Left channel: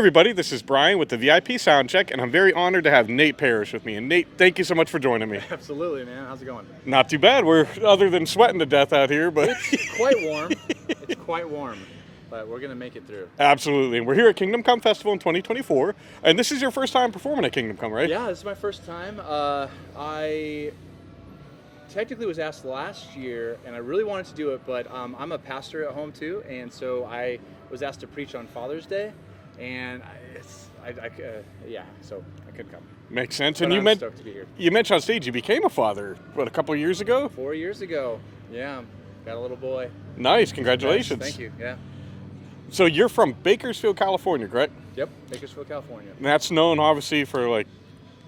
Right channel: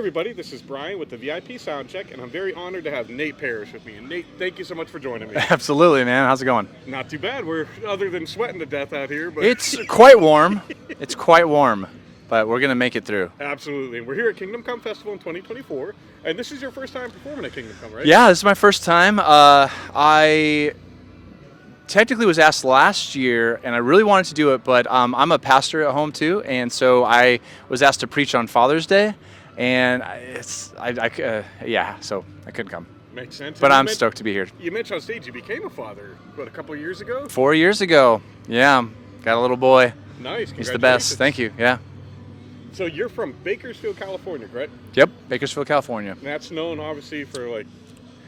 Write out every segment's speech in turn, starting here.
everybody, this is Brian with the VIP Soundcheck, and I'm very honored to have Nate Parrish with me. And Nate, thank you so much for joining me. Absolutely, man. How's it going? Not too bad. We're, other than sweating to death out here, but It's quite warm. It's quite warm, but we're going to make it through. Absolutely. And we're here at Kingdom Come Festival in 2024, and this is your first time performing at Kingdom Come, right? Yeah, this is my first time. I technically was asked last year, and I really wanted to do it, but I'm a pastor at home too, and so I was asked to preach on Father's Day, and so I couldn't come. Makes sense. But I'm stoked to be here. You mentioned on stage you became a father, what, a couple of years ago? 4 years ago. Yeah, got a little boy. Nice. He's the Congratulations. best. Thank you. Yeah. So you're from Bakersfield, California, correct? Yep, Bakersfield, California. That's known, obviously, for, like,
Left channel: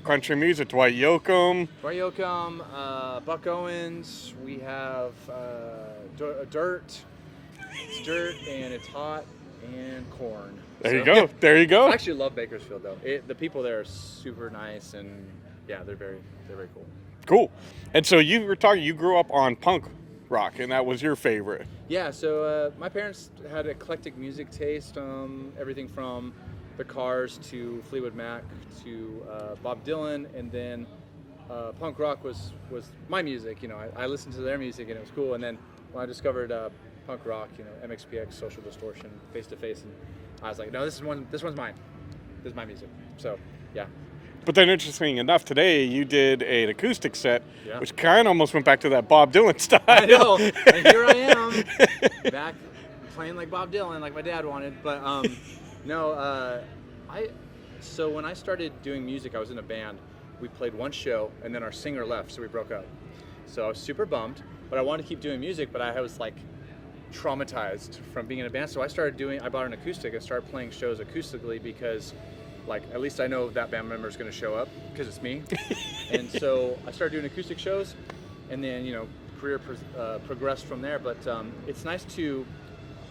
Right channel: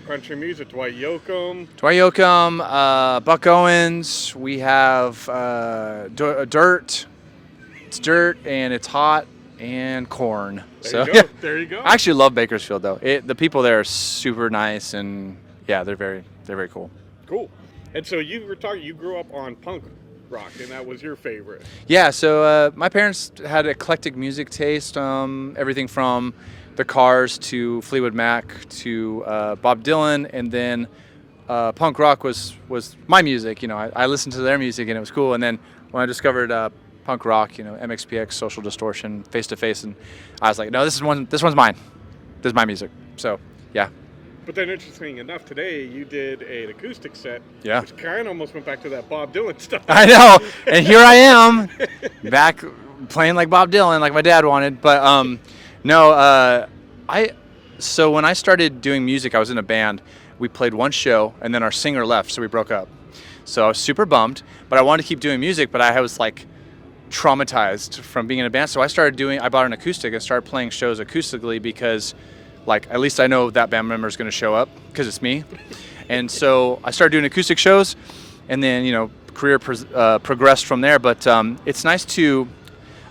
country music, Dwight Yoakam. Buck Owens. We have Dirt. It's dirt and it's hot, and corn. There you go. There you go. I actually love Bakersfield though. The people there are super nice, and yeah, they're very cool. Cool. And so you grew up on punk rock, and that was your favorite. Yeah. So my parents had eclectic music taste. Everything from the Cars to Fleetwood Mac to Bob Dylan, and then punk rock was my music. You know, I listened to their music and it was cool. And then when I discovered punk rock, you know, MXPX, Social Distortion, Face to Face, and I was like, no, this one's mine. This is my music. So yeah. But then, interesting enough, today you did an acoustic set, Yeah. which kind of almost went back to that Bob Dylan style. I know, and here I am, back playing like Bob Dylan, like my dad wanted. But so when I started doing music, I was in a band. We played one show, and then our singer left, so we broke up. So I was super bummed, but I wanted to keep doing music, but I was like traumatized from being in a band. So I bought an acoustic and started playing shows acoustically because, like, at least I know that band member is going to show up because it's me. And so I started doing acoustic shows, and then, you know, career progressed from there. But it's nice to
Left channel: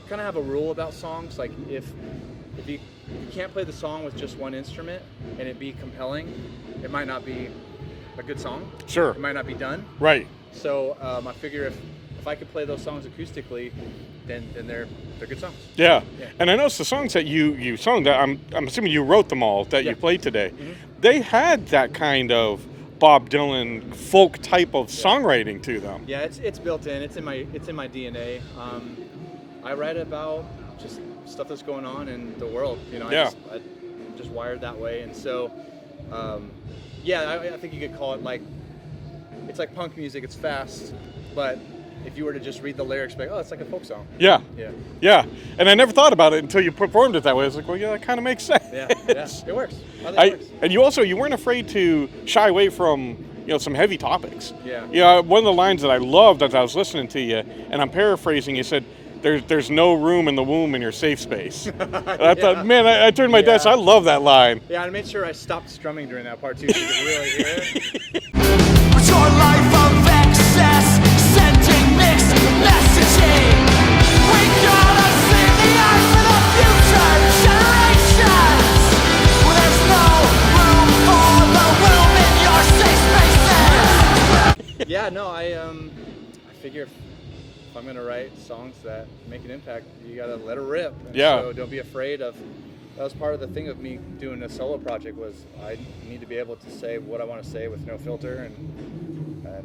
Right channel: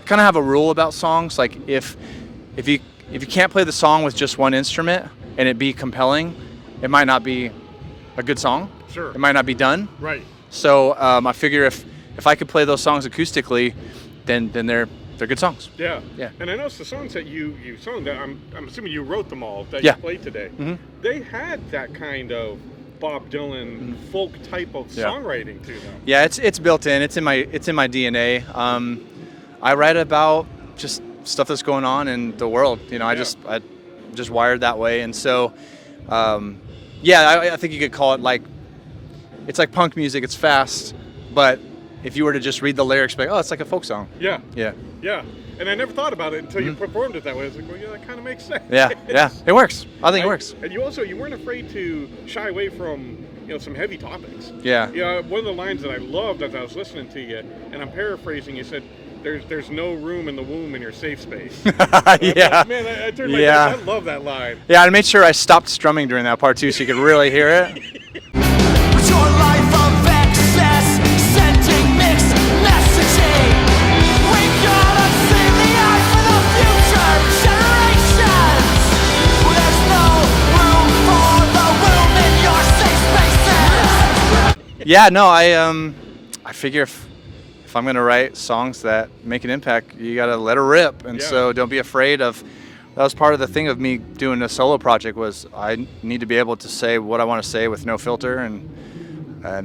kind of have a rule about songs. Like if you can't play the song with just one instrument and it be compelling, it might not be a good song. Sure. It might not be done. Right. So I figure if I could play those songs acoustically, then they're good songs. Yeah. Yeah. And I noticed the songs that you sung, that I'm assuming you wrote them all, that Yeah. you played today. Mm-hmm. They had that kind of Bob Dylan folk type of Yeah. songwriting to them. Yeah, it's built in. It's in my DNA. I write about just stuff that's going on in the world. You know, Yeah. I just wired that way, and so I think you could call it like, it's like punk music. It's fast, but if you were to just read the lyrics, be like, oh, it's like a folk song. Yeah. Yeah. Yeah. And I never thought about it until you performed it that way. I was like, well, yeah, that kind of makes sense. Yeah. It works. I think it works. And you weren't afraid to shy away from, you know, some heavy topics. Yeah. Yeah. One of the lines that I loved as I was listening to you, and I'm paraphrasing, you said, "There's no room in the womb in your safe space." Yeah. Man, I turned my desk. I love that line. Yeah, I made sure I stopped strumming during that part too, so you could really hear it. With your life of excess, sending mixed messaging. We gotta save the eye for the future generations. Well, there's no room for the womb in your safe spaces. Yeah, no, I figure if I'm gonna write songs that make an impact, you gotta let it rip, and so don't be afraid of. That was part of the thing of me doing a solo project, was I need to be able to say what I want to say with no filter, and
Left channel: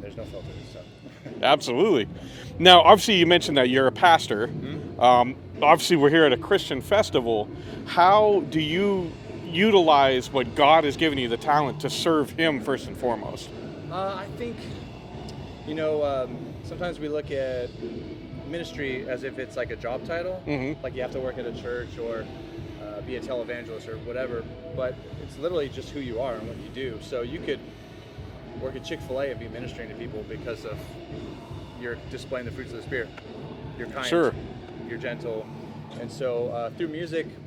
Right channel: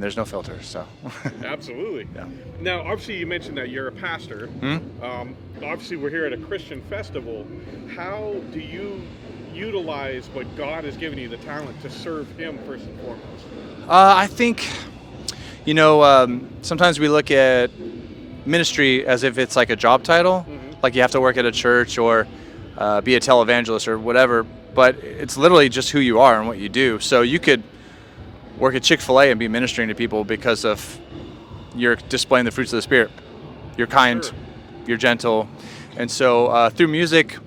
there's no filter. So Absolutely. Yeah. Now, obviously, you mentioned that you're a pastor. Mm-hmm. Obviously, we're here at a Christian festival. How do you utilize what God has given you, the talent, to serve Him first and foremost? I think, you know, sometimes we look at ministry as if it's like a job title, like you have to work at a church or be a televangelist or whatever, but it's literally just who you are and what you do. So you could work at Chick-fil-A and be ministering to people because of you're displaying the fruits of the Spirit. You're kind, Sure. You're gentle. And so through music,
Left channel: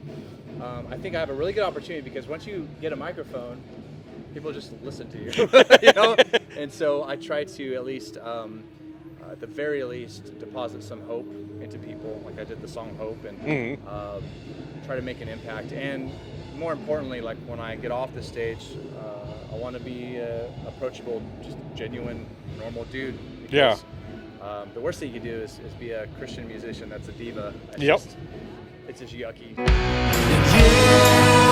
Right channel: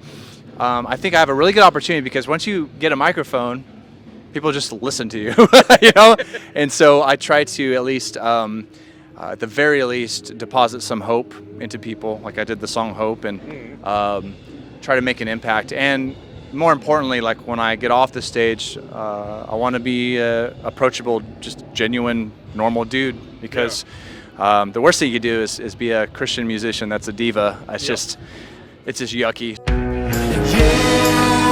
I think I have a really good opportunity, because once you get a microphone, people just listen to you, you know? And so I try to at least, at the very least, deposit some hope into people, like I did the song Hope, and try to make an impact. And more importantly, like when I get off the stage, I want to be approachable, just genuine, normal dude, because the worst thing you do is be a Christian musician that's a diva. It's just yucky. Yeah.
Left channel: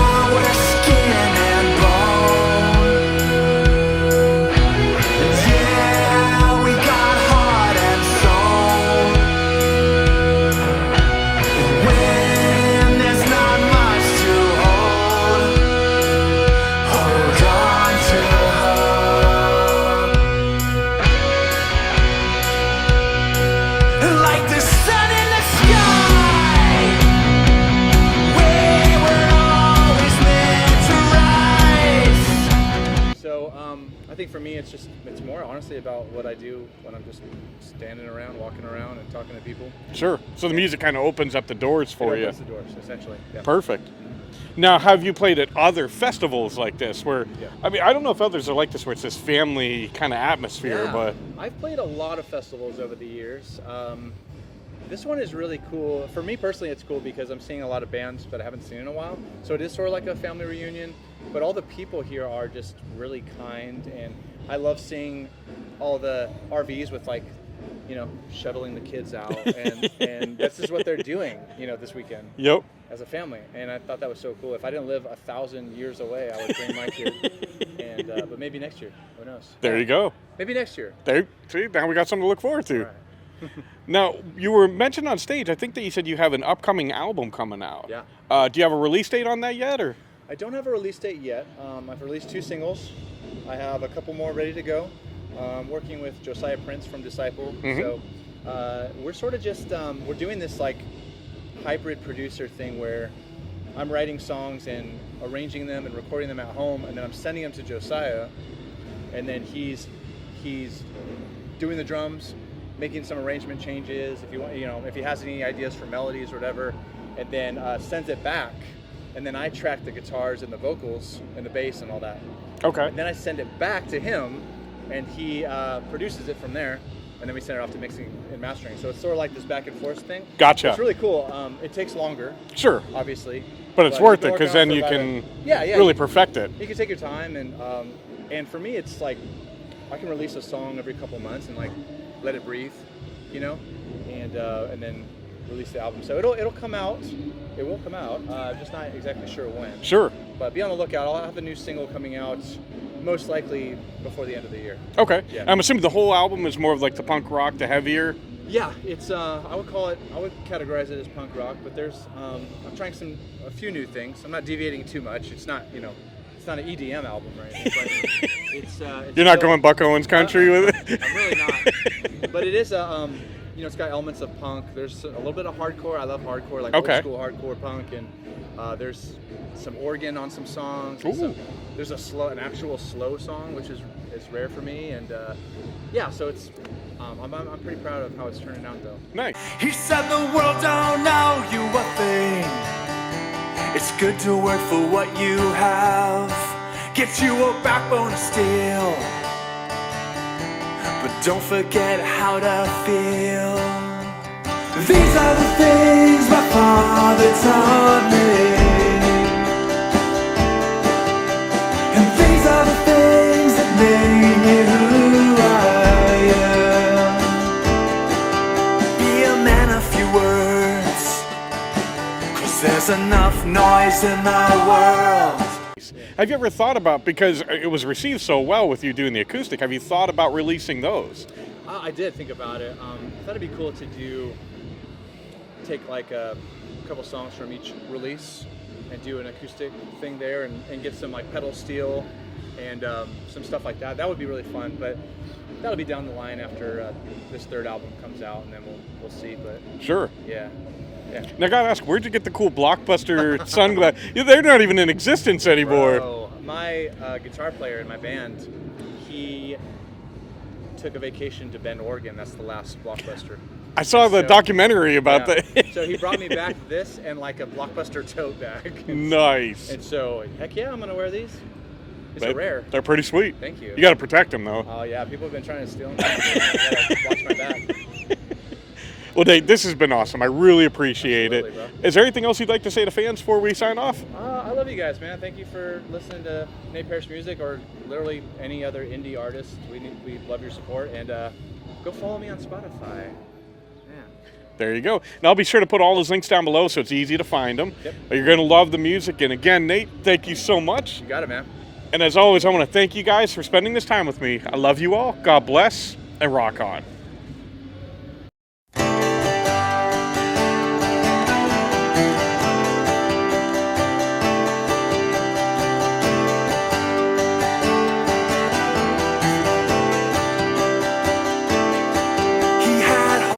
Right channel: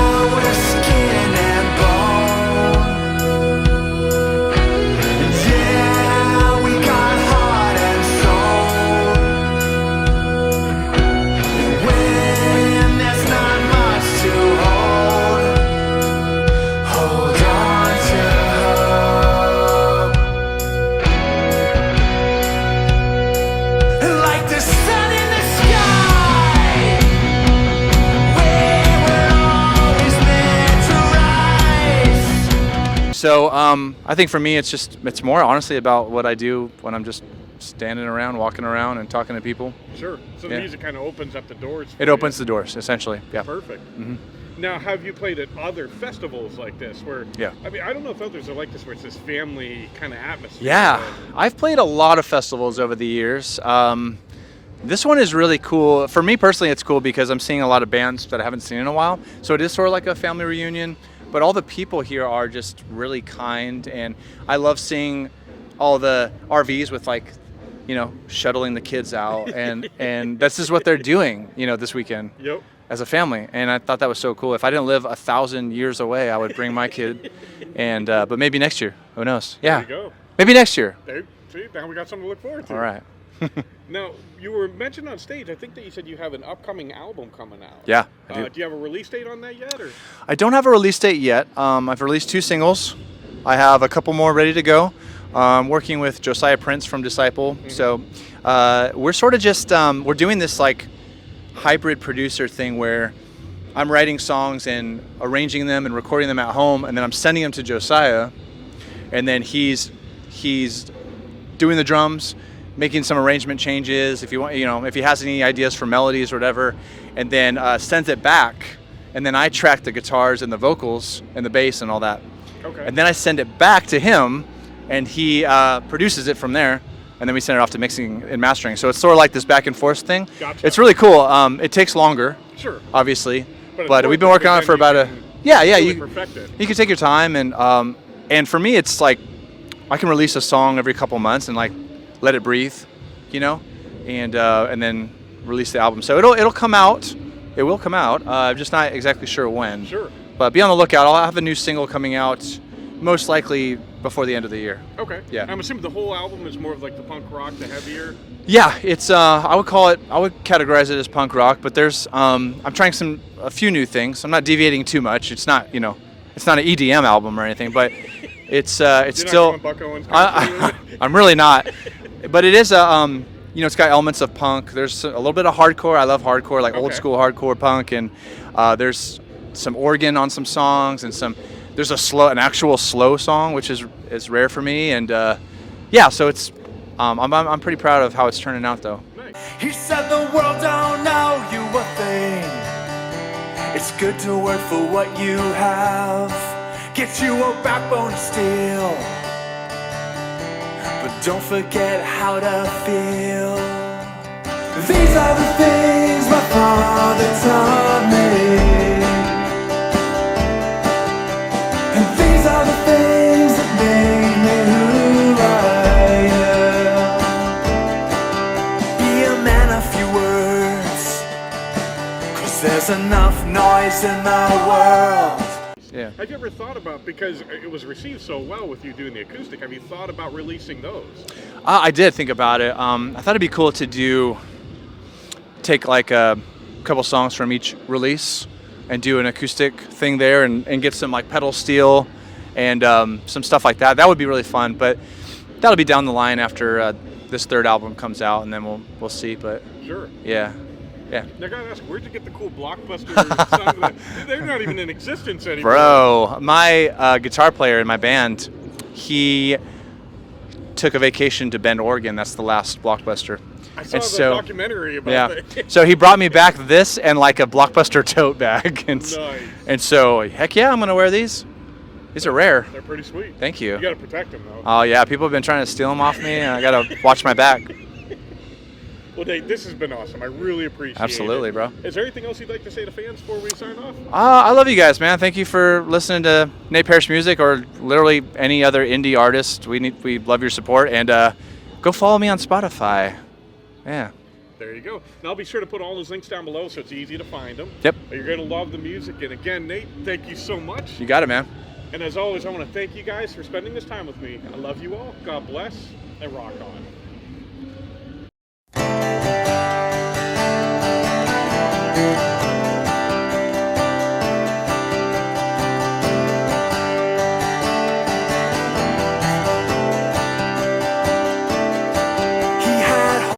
So I think for me, it's more honestly about what I do when I'm just standing around, walking around, and talking to people. Sure. So the music kind of opens up the doors for you. It opens the doors, essentially. Yeah. Perfect. Now, have you played at other festivals like this where, Yeah. I mean, I don't know if others are like this where it's this family kind of atmosphere. Yeah. I've played a lot of festivals over the years. This one is really cool. For me personally, it's cool because I'm seeing a lot of bands that I haven't seen in a while. So it is sort of like a family reunion, but all the people here are just really kind, and I love seeing all the RVs with like, you know, shuttling the kids out, and this is what they're doing, you know, this weekend. Yep. As a family, and I thought that was so cool. If I didn't live 1,000 years away, I would bring my kid, and but maybe next year. Who knows? There you go. Maybe next year. See, now we got something to look forward to. All right. Now, you were mentioned on stage. I think that you said you have an upcoming album coming out. Yeah. Do you have a release date on that yet, or? I don't have a release date yet. I've released 2 singles. I have a couple more ready to go. Working with Josiah Prince from Disciple. So we're sort of just we're doing this like hybrid producer thing where I'm writing songs and arranging them and recording them at home, and then I'm sending them to Josiah, and then he's doing the drums, making some arrangement changes if you want, you know, if he has any ideas for melodies or whatever, and then sends it back, and then I track the guitars and the vocals and the bass and all that. Okay. And then I send it back to him, and he produces it from there, and then we send it off to mixing and mastering. So it's sort of like this back and forth thing. Gotcha. It's really cool. It takes longer. Sure. Obviously. But we've been working on it for about really perfect it. You can take your time, and for me, it's like I can release a song every couple months and like let it breathe, you know, and then release the album. So it'll come out. It will come out. I'm just not exactly sure when. Sure. But be on the lookout. I'll have a new single coming out most likely before the end of the year. Okay. Yeah. I'm assuming the whole album is more of like the punk rock, the heavier. Yeah, it's I would categorize it as punk rock, but there's I'm trying a few new things. I'm not deviating too much. It's not, you know, it's not an EDM album or anything, but it's You're still not going Buck Owens country with it? I'm really not. But it is you know, it's got elements of punk. There's a little bit of hardcore. I love hardcore, like old school hardcore punk, and there's some organ on some songs and there's an actual slow song, which is rare for me, and yeah, so it's I'm pretty proud of how it's turning out though. Nice. He said the world don't know you a thing. It's good to work for what you have. Get you a backbone of steel, but don't forget how to feel. These are the things my father taught me, and these are the things that made me who I am. Be a man of few words, 'cause there's enough noise in the world. Yeah. Have you ever thought about, because it was received so well with you doing the acoustic, have you thought about releasing those? I did think about it. I thought it'd be cool to take like a couple songs from each release and do an acoustic thing there and get some like pedal steel and some stuff like that. That would be really fun, but that'll be down the line after this third album comes out, and then we'll see. But Sure. yeah. Now I gotta ask, where'd you get the cool Blockbuster sunglasses? They're not even in existence anymore. Bro, my guitar player in my band, he took a vacation to Bend, Oregon. That's the last Blockbuster. I saw the documentary about that. So he brought me back this and like a Blockbuster tote bag. And, Nice. And so, heck yeah, I'm gonna wear these. These are rare. They're pretty sweet. Thank you. You gotta protect them though. Oh yeah, people have been trying to steal them off me, and I gotta watch my back. Well, Nate, this has been awesome. I really appreciate it. Absolutely, bro. Is there anything else you'd like to say to fans before we sign off? I love you guys, man. Thank you for listening to Nate Parrish music, or literally any other indie artist. We love your support, and go follow me on Spotify. Yeah. There you go. And I'll be sure to put all those links down below so it's easy to find them. Yep. You're going to love the music. And again, Nate, thank you so much. You got it, man. And as always, I want to thank you guys for spending this time with me. I love you all. God bless, and rock on.